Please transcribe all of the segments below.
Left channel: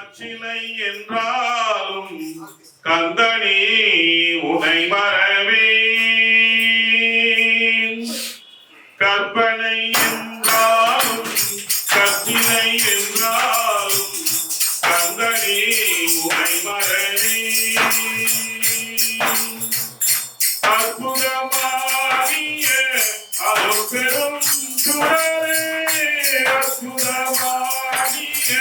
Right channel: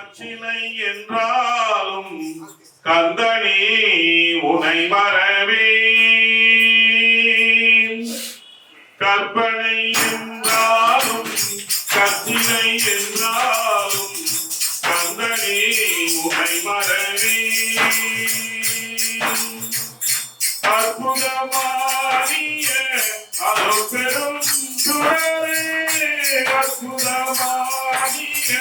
கற்சிலை என்றாலும் கந்தனி உனை மறவே கற்பனை என்றாலும் கற்சிலை என்றாலும் கந்தனி உனை மறவே அற்புதமாகிய அதோ பெரும் சுடரே அற்புதமாகிய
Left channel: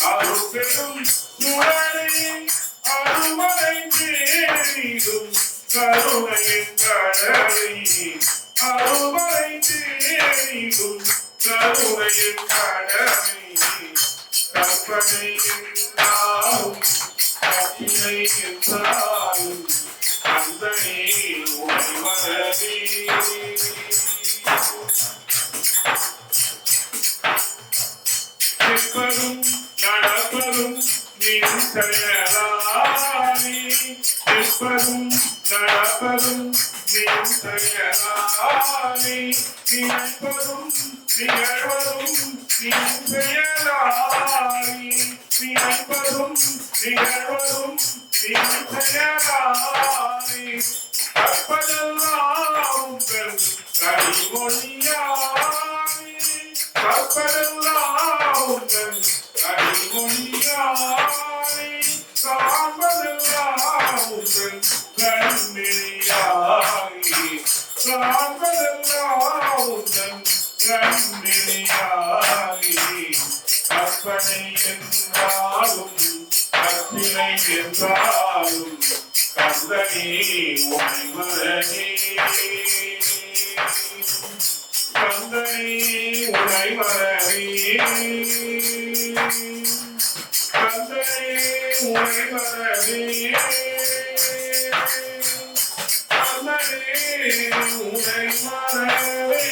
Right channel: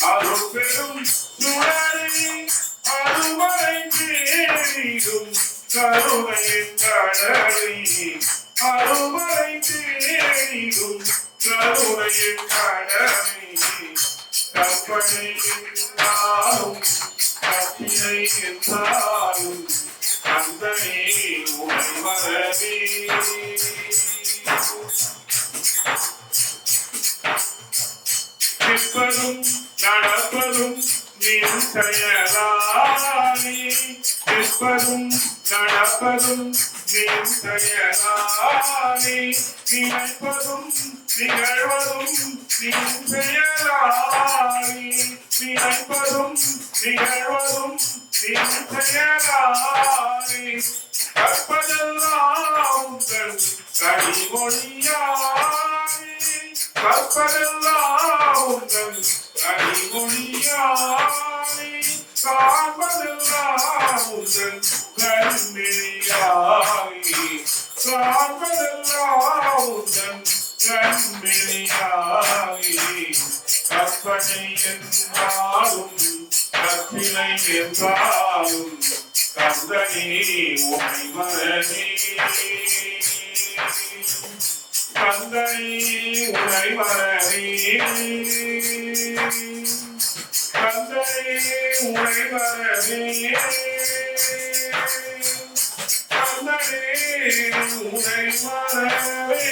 அதோ பெரும் சுடரே அருவரை தேடிடும் கருணையின் கடலை. அருவரை தேடிடும் கருணையின் கடலை. கற்பனை என்றாலும் கற்பினை என்றாலும் அந்தனே உனை மறவே நிற்பதும் நடப்பதும் നടപ്പതും നിന്തയലായി നിൽപ്പതും നടപ്പതും നിന്തയലായി നിലപ്പതും നികഴ്വതും നിന്തയലായി നിലപ്പതും നികഴ്വതും നിന്തയലായി കപ്പതെല്ലാം ഉങ്കൾ കളിമൊഴിയായി കപ്പതെല്ലാം ഉങ്കൾ கனிமொழியாலே காண்பதெல்லாம் உங்கள் கண்மொழியாலே காண்பதெல்லாம் உங்கள் கண்மொழியாலே கற்பனை என்றாலும் கற்பினை என்றாலும் கந்தனே உனை மரணே கந்தனே உனை மரணே கந்தனே உனை மரணே கந்தனே உனை மரணே